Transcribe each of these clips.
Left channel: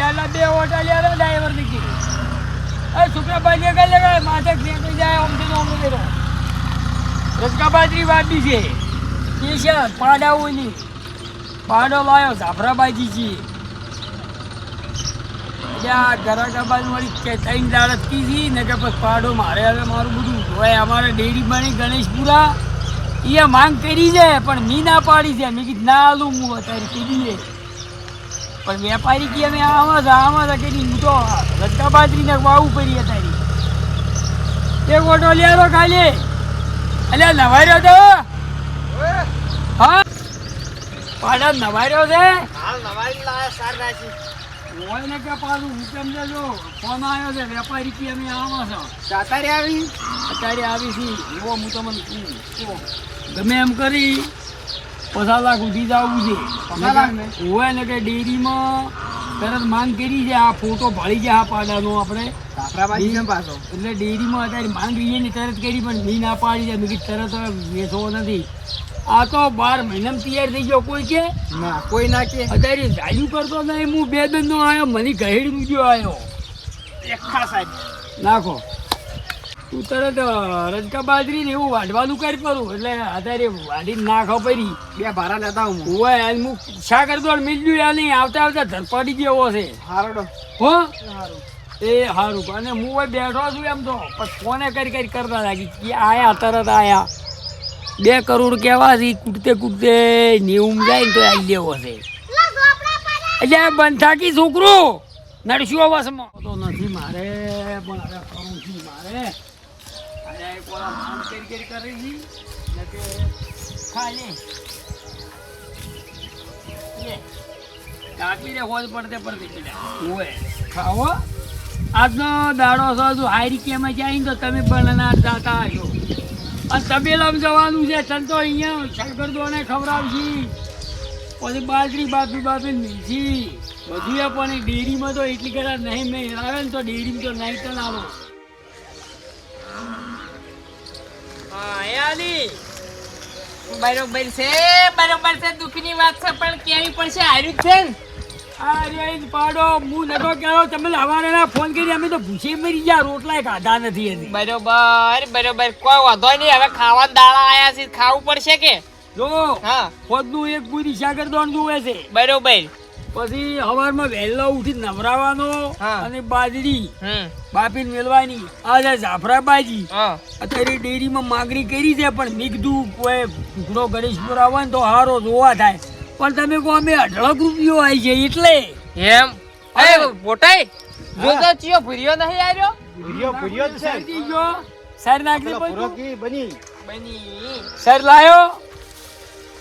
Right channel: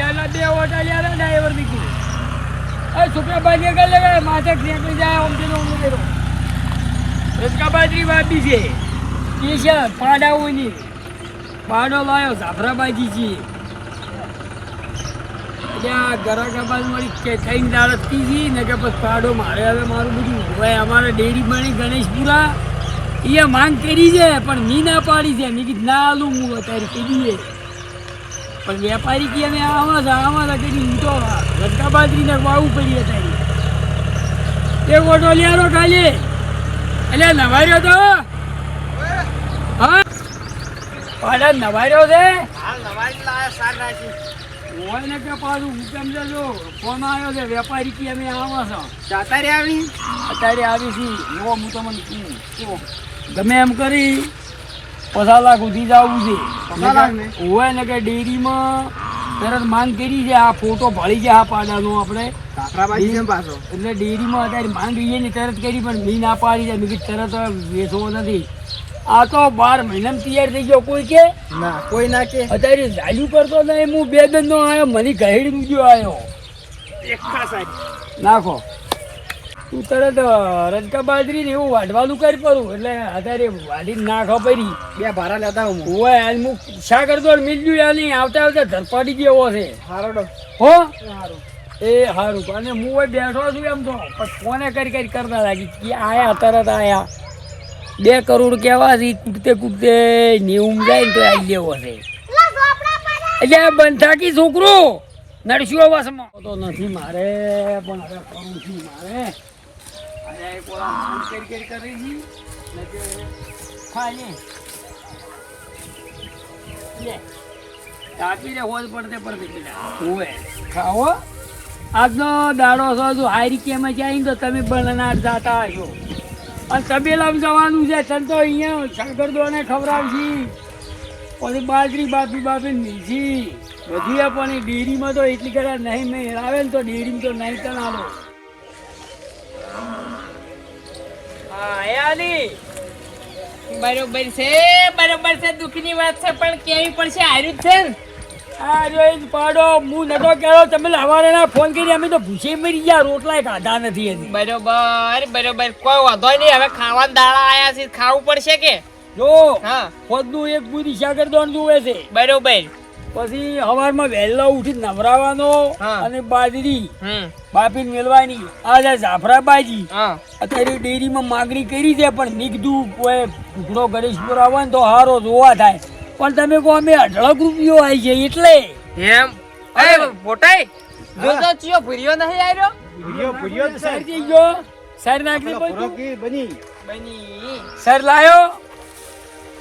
જાલા બે ઓટા લ્યા ડ્રાઈવર દીકી એ છોકરા બાજે કર લગાય માથે ફેંકી જાય ઓમ તો ઓમ લેરો રજકા બાજરી વાડી છે કે છે પાડા ઓલી પાડો લાયો જાફરાબાજી છે એટલે આ ગરાગા બાજુ વળી કે કઈ દાડત કીધી ને કે બસ પાડો મારે હવે મારું બધું હોય અમારે ડેરી બની ગણેશપુરા એ માંગ કરી છે પણ મી ના પાડી છે મેં કીધું ના આલું હું અત્યારે કીધી પણ વેપારી કે અમે આવા કરી હું તો રજકા બાજરીને વાવું પડી અત્યારે એક ઓટો લ્યારો ખાલી એટલે નવાર્યો તો હા પાડા નવાર્યો છે હોય ને કે પાછું હુકમ લેજો ફોન આવ્યો છે વેપારી કે અમે આવા છો અત્યારે આવી છી એવો હું તમને કહું ગમે એમ કરી 50 લાખ સુધી જવું છે હોય ને કે ડેરીમાં તરત માંગ કરી છે આ ફોટો ભાળી છે આ પાડાનો આપણે એટલે ડેરીમાં અત્યારે માંગ રહીએ ને તરત કરી પણ મી ના પાડી છે મેં તરત વેચવો નથી આ તો 12 મહિનામાં તૈયાર થઈ ગયો કોઈ કે ના કોઈ ના કે અત્યારે ચાલ્યું કરતો નહીં હું 2 દિન નો આવ્યો મને ગહેડ બીજો આવ્યો એકખા સાહેબ નાખો તું તરત રજકા બાજરી ને એવું વાઢવાનું કરી પડું એટલે અત્યારે વાઢી નાખો પડી 2 ભારા લેતા હું હોય આજ હું શા કરતો મિલ્યું યા નહીં આવતા ધરપડી જેવો છે હારો હો એ સારું અને હું હોય બેઠો છું એમ તો પણ ફોને કરી કરતા લાગી કે આયા તરત આયા 2 કરોડ કેવા છે કૂટતે 90 જાય ને તો આવી લેવો છે એટલે બંધાકી છોકરો નડશું અવાસમાં તો નથી મારે પણ હવે કરું છું મારે અરે કોલા માંગ કરી કરી કે ખાઈ લે કાપીને હોલ પડતે પેલા હોય ખાઓ આજનો દાડો છો જો હારી કેમાં જાય તો તમે બનાનાર જાતા આવ્યો અને તબેલામાં જવાનું છે તને તો અહીંયા સાગરદોને ખવડાવશી પછી બાજરી બાપી મીઠી બધું પણ ડેરીમાં તો એટલી કદાચ નહીં મેં આવે ને તો ડેરીમાં તો નહીં તને આલો બરોબર છે દુઃખની વાત છે પણ કેવી પડશે હાર્યું છે ને આ જો એ જ પાડો હું નતો કહેતો તમે લાવવાના ફોન કરી અમે તો ભૂસી મરી ગયા રોટલા ખાધા નથી હજી બરોબર કોઈ વાંધો નહીં હવે ખાવાના દાડા આયા છે ખાવું પડશે કે જો હા ખોદનું એક પૂરી સાગરદોન જોવે છે બરોબર પછી સવારમાં વહેલો ઉઠી નવરાવાનો અને બાજરી બાપીને મેળવાની આ જાફરાબાજી અત્યારે ડેરીમાં માંગણી કરી છે પણ મેં કીધું કોઈ ટુકડો ગણેશપુર આવે ને તો હારો જોવા થાય પણ તમે કહો અમે 18 રૂપિયો આવી છે એટલે એમ બોટાઈ જોજો ચિયો ભૂરિયો નહીં આવ્યો ભૂરિયો તો સર જઈ ગયો સર નાખી બની સર લાયો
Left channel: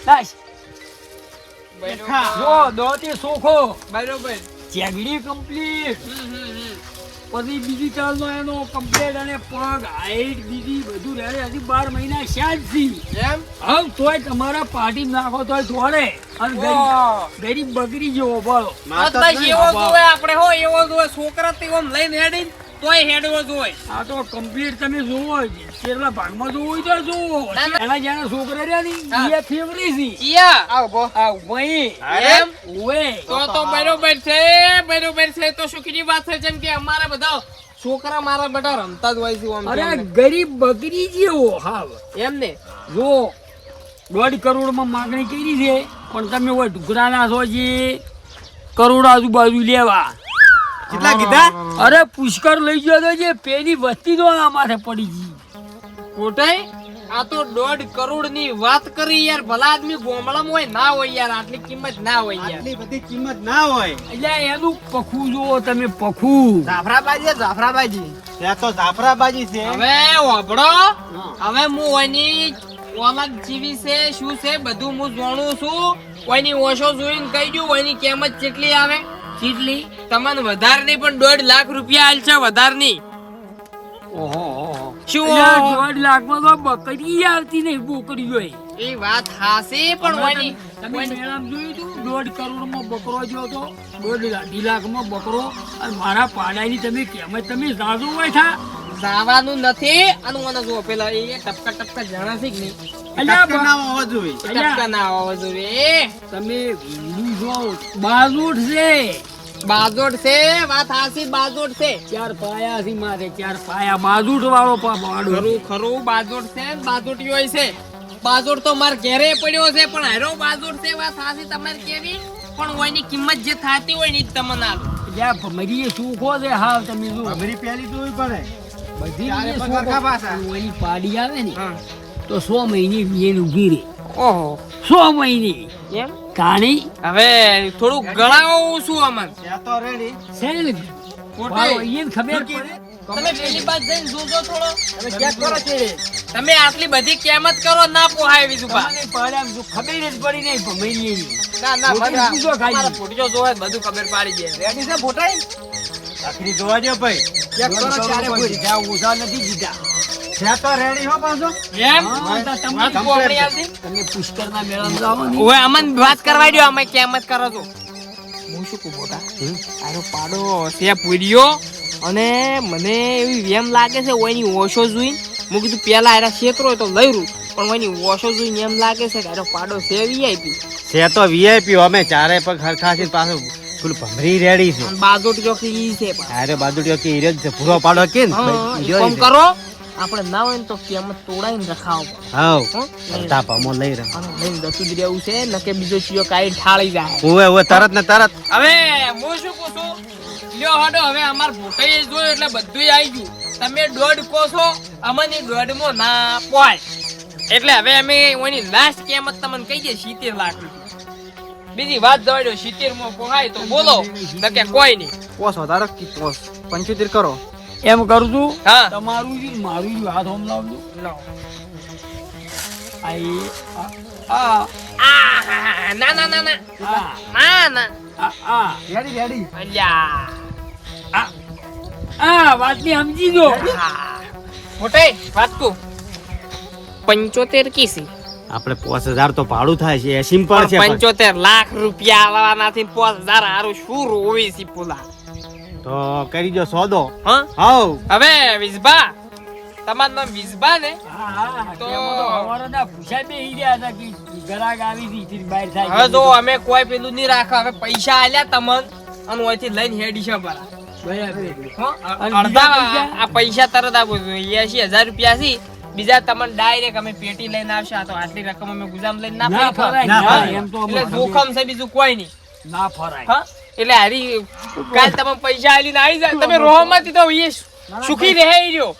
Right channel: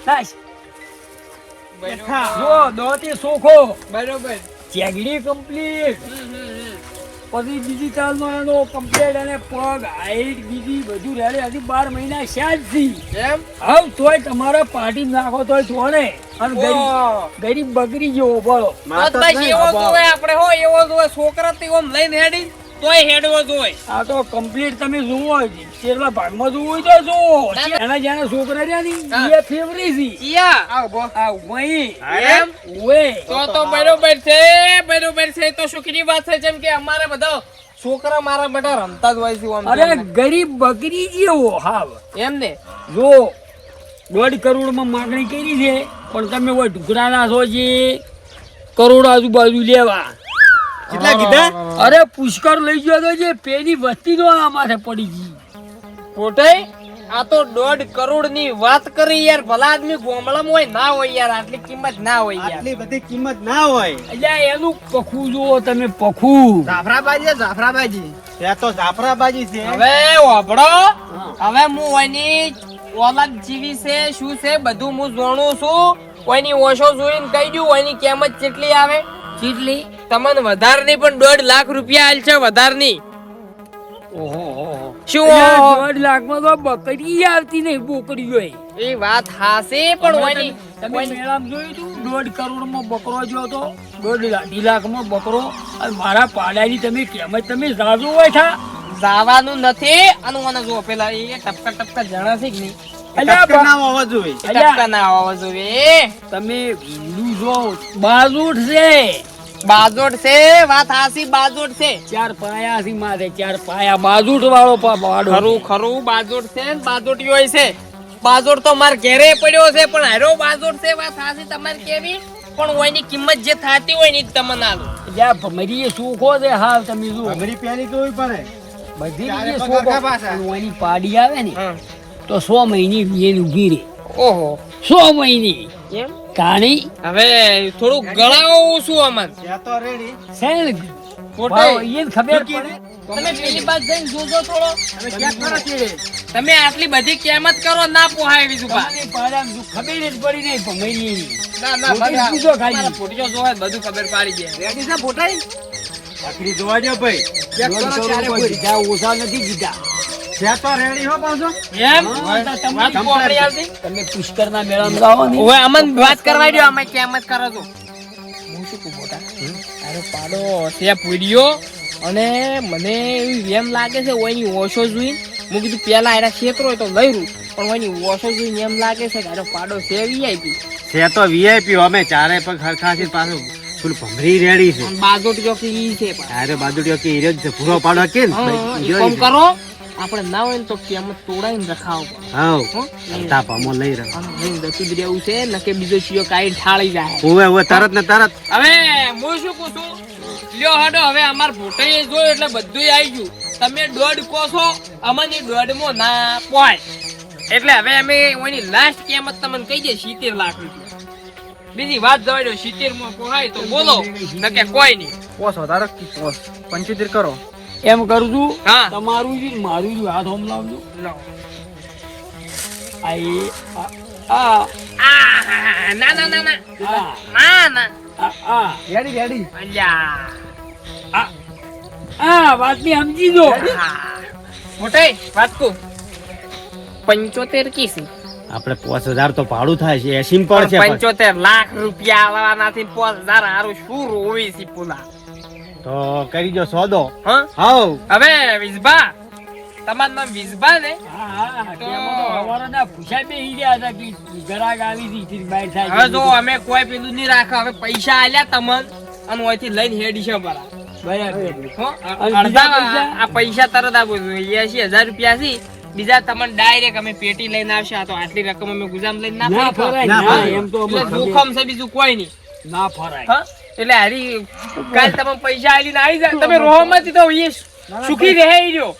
નાશ જો દોતી સોખો બરોબર ચેગડી કમ્પ્લીટ પછી બીજી કાલનો એનો કમ્પ્લીટ અને પગ હાઈટ બીજી બધું રહે હજી 12 મહિના શાજ થી એમ હવે તોય તમારા પાર્ટી નાખો તોય છોડે અને ગરીબ બગડી જેવો બોલો ભાઈ એવો જોવે આપણે હો એવો જોવે છોકરા તે ઓમ લઈને હેડી તોય હેડવો જોય આ તો કમ્પ્લીટ તમે જુઓ છેલ્લા ભાગમાં જોવું હોય તો જુઓ એના જેના છોકરા રહ્યા ને એ ફેવરી છે એમ તો બરોબર છે તો સુખની વાત છે જેમ કે અમારે બધા છોકરા મારા બેટા રમતા જ હોય છે અરે ગરીબ બકરી જેવો હાવ એમ ને જો 1.5 કરોડમાં માંગણી કરી છે પણ તમે હોય ઢુકડાના છો જે કરોડ આજુબાજુ લેવા કેટલા કીધા અરે પુષ્કર લઈ ગયો તો જે પેલી વસ્તી જો આ માથે પડી ગઈ કોટાઈ આ તો 1.5 કરોડ ની વાત કરી યાર ભલા આદમી ગોમળામાં હોય ના હોય યાર આટલી કિંમત ના હોય યાર આટલી બધી કિંમત ના હોય એટલે એનું પખું જુઓ તમે પખું જાફરાબાજી ત્યાં તો જાફરાબાજી છે હવે ઓભળો હવે હું ઓની ઓલાદ જીવી છે શું છે બધું હું જાણું છું કોઈની ઓછો જોઈને કહી દઉં ઓની કિંમત કેટલી આવે કેટલી તમને વધારે નહીં પણ 1.5 લાખ રૂપિયા આલ છે વધારે નહીં ઓહો શું 1.5 લાખમાં તો બકરી આવતી નહીં બોકરી હોય એ વાત હાસી પણ ઓની તમે મેળામાં જોયું તું 1.5 કરોડમાં બકરો જો તો 1.5 લાખમાં બકરો અને મારા પાડાની તમે કિંમત તમે જાજો હોય થા જવાનું નથી અને મને જો પેલા એ ટપકા જાણા છે કે નહીં ટપકા ના આવવા જોઈએ ટપકા ના આવવા જોઈએ તમે ભીંડું જો બાજુટ છે બાજોટ છે વાત હાસી બાજોટ છે 4 પાયા થી માથે 4 પાયા બાજુટ વાળો પાડો ખરું ખરું બાજોટ છે ને બાજોટી હોય છે બાજોટ તો માર ઘેરે પડ્યો છે પણ હારો બાજોટ છે વાત હાસી તમારે કેવી પણ ઓયની કિંમત જે થાતી હોય ને ઈ જ તમને આલું જ્યાં ભમરીએ સુખો છે હાવ તમે જો ભમરી પહેલી જોવી પડે બધી ચારે રીતે પગાર સુખો. ખાપાસા. પણ ઓયની પાડી આવે ને હા. તો 100 મહિની વીએન ઉગી રે ઓહો 100 મહિની એમ કાણી હવે થોડું ગણાવું છું અમન ત્યાં તો રેડી સેલ ખોટે. એને ખબર પડે તમે પેલી બાજુ જઈને જોજો થોડો તમે ચેક કરો છે તમે આટલી બધી કિંમત કરો ના પોહાય બીજું બા તમને પાડ્યા જો ખબર જ પડી નહીં ભમરીએ ના ના ફોટી બધા પૂછો ખાલી. તમારા ફોટીઓ જોવા જ બધું ખબર પાડી ગયા રેડી છે ફોટે આખરી જોવા દો ભાઈ જીધા ઓછા નથી જીધા ત્યાં તો રેડી હો પાછો એમ હા, તમારી complete. પોપડી આવતી તમે પુષ્કરના મેળામાં જાઓ ને ઓય અમન વાત કરવા દો અમે કિંમત કરો છો હું શું કહું મોટા આરો પાડો છે પૂર્યો અને મને એવી એમ લાગે છે ઓયની ઓશો જોઈને હું કીધું પેલા એના ક્ષેત્રો હોય તો લઈ રૂ પણ ઓયની ઓશો જોઈને એમ લાગે છે કે આરો પાડો છે વીઆઈપી છે તો વીઆઈપી અમે ચારે પગ હરખા છે પાછું ફૂલ ભમરી રેડી છે બાજોટ જોકી ઈ છે પણ અરે બાજુડીઓ કે ઈરજ છે ભૂરો પાડો કે ને હા, ભાઈ, ઈ ઈરો કોમ ઈ છે. કરો આપણે ના હોય ને તો કિંમત તોડાઈને રખાવો હાઉ હો? અડધા પામો લઈ રહ્યો આમ લઈને જતું જ રહેવું છે નકે બીજો ચિયો કાઈ ઠાળી જાય ઓવે ઓવે તરત ને તરત હવે હું શું કહું છું લ્યો હાડો હવે અમાર ભૂટાઈએ જોયું એટલે બધુંય આવી ગયું તમે દોઢ કહો છો અમને દોઢમાં ના પોય એટલે હવે અમે ઓની લાસ્ટ કિંમત તમને કહી દે 70 લાખ રૂપિયા બીજી વાત જવા દો 70 માં પોહાય તો બોલો નકે કોઈ નહીં પોસ વધારો કી પોસ 75 કરો એમ કરું છું હા. તમારું જ મારું જ હાથ હોમ લાવજો આ એ આ આ ના ના ના ના આ ના ના આ આ રેડી રેડી અલ્યા આ આ વાતની સમજી જો મોટે વાત કહું 75 કીસી આપણે 5000 તો ભાડું થાય છે 80 પણ છે પણ. 75 લાખ રૂપિયા આલવાના થી 5000 હારું શું રોવી છે પુલા તો કરી દો સોદો હા હાઉ હવે વિઝબા તમારું નામ વિઝબા ને હા હા કેમાં તો હવારના પૂછા બેહી ગયા હતા કે ગરાગ આવી હતી ઈથી બહાર થાય હવે જો અમે કોઈ પેલું નહીં રાખા હવે પૈસા આલ્યા તમને અને ઓયથી લઈને હેડી છે બરા બરાબર હો અને અડધા બીજા પૈસા? આ પૈસા તરત આપો 80000 રૂપિયા થી બીજા તમને ડાયરેક્ટ અમે પેટી લઈને આવશે આ તો આટલી રકમ અમે ગુજામ લઈને ના ના ફરાય. ફરાય ના, ના એમ તો એટલે અમે જોખમ છે બીજું કોઈ નહીં ના ફરાય હા એટલે હારી કાલ તમે પૈસા આલીને આવી જાય તમે રોહમાંથી તો એ સુખી રહે ઈ રહ્યો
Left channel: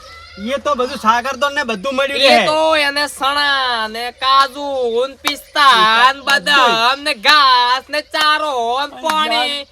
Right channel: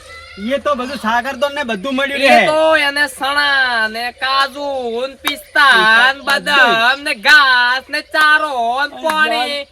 એ તો બધું સાગરદોન ને બધું મળ્યું એ રહે તો એને સણા ને કાજુ ને પિસ્તા ને બદામ ને ઘાસ ને ચારો ને પાણી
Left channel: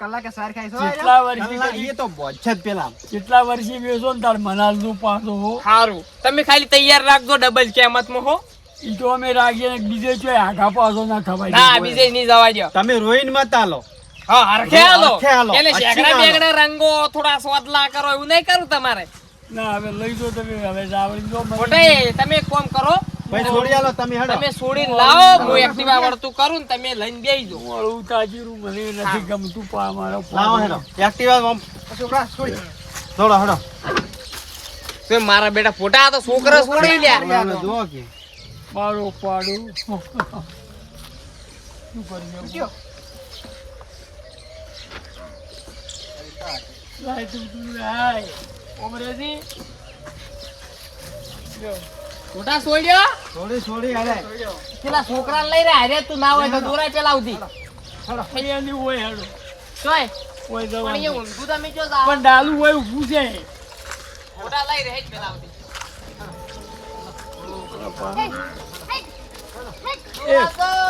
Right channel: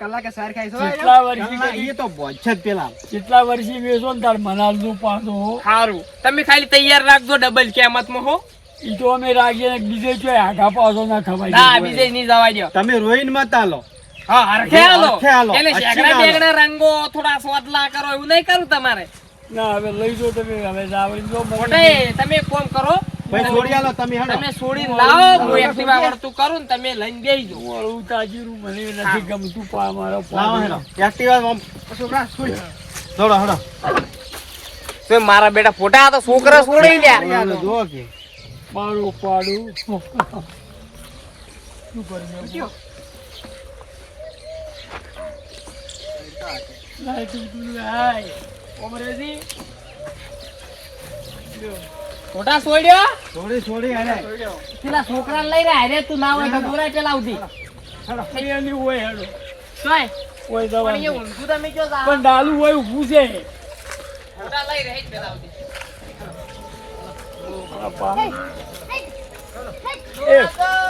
કલાકે સાર ખાઈ કેટલા વર્ષથી એ તો બોજ જ પેલા કેટલા વર્ષથી વેચો ને તાર મનાલજો પાછો સારું તમે ખાલી તૈયાર રાખજો ડબલ કિંમતમાં હો ઈ તો અમે રાખીએ ને બીજે ચોય આઘા પાછો ના થવાય ના બીજે નહીં જવા દો તમે રોઈન મત આલો હા હરખે આલો હરખે આલો. એટલે અચ્છી શેકડા આલો. બેગડા રંગો થોડા સોદલા કરો એવું નહીં કરું તમારે ના હવે લઈ જો તમે હવે જાવડી જો મોટે તમે એક કામ કરો ભાઈ છોડી આલો તમે હેડો તમે છોડીને લાવો હું એક્ટિવા વળતું કરું ને તમે લઈને બેસી જાઓ મારું તાજીરું મને નથી ગમતું પા મારો લાવો હેડો એક્ટિવા આમ થોડો હેડો તો મારા બેટા ફોટા આ તો છોકરા છોડી દે જુઓ કે મારો પાડું શું કર્યું લાઈટ ઉડી હાય ઓમરેજી ફોટા છોડ્યો છોડી હેડે પેલા છોકરા લઈ રહ્યા અરે તું ના હોય તો દોરાય પેલા ઉધી એની હોય હેડો જોય હોય પણ દવા એ ઊંધું તમે જો જાઓ. પણ ડાલું હોય ઊભું છે ફોટા લઈ રહ્યા જ પેલા ઉધી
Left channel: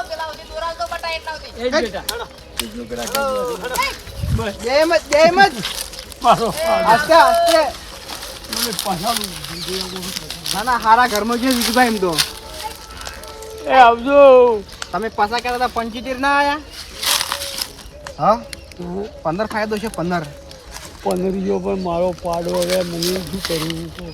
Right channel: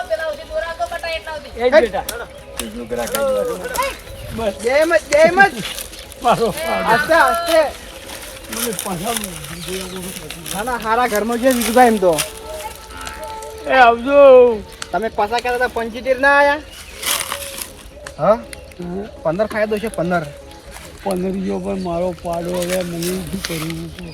પેલા ઉધી દોરાવતો બટા એટલા ઉધી એક બેટા બસ એમ જ મારો પાડો આસ્તે આસ્તે મને પછાડું નાના હારા ઘરમાં છે વિજુભાઈ એમ તો એ આવજો તમે પાછા કર્યા હતા 75 ના આયા હા 15 ફાયદો છે 15 પંદરીઓ પણ મારો પાડો હવે મને શું કરવું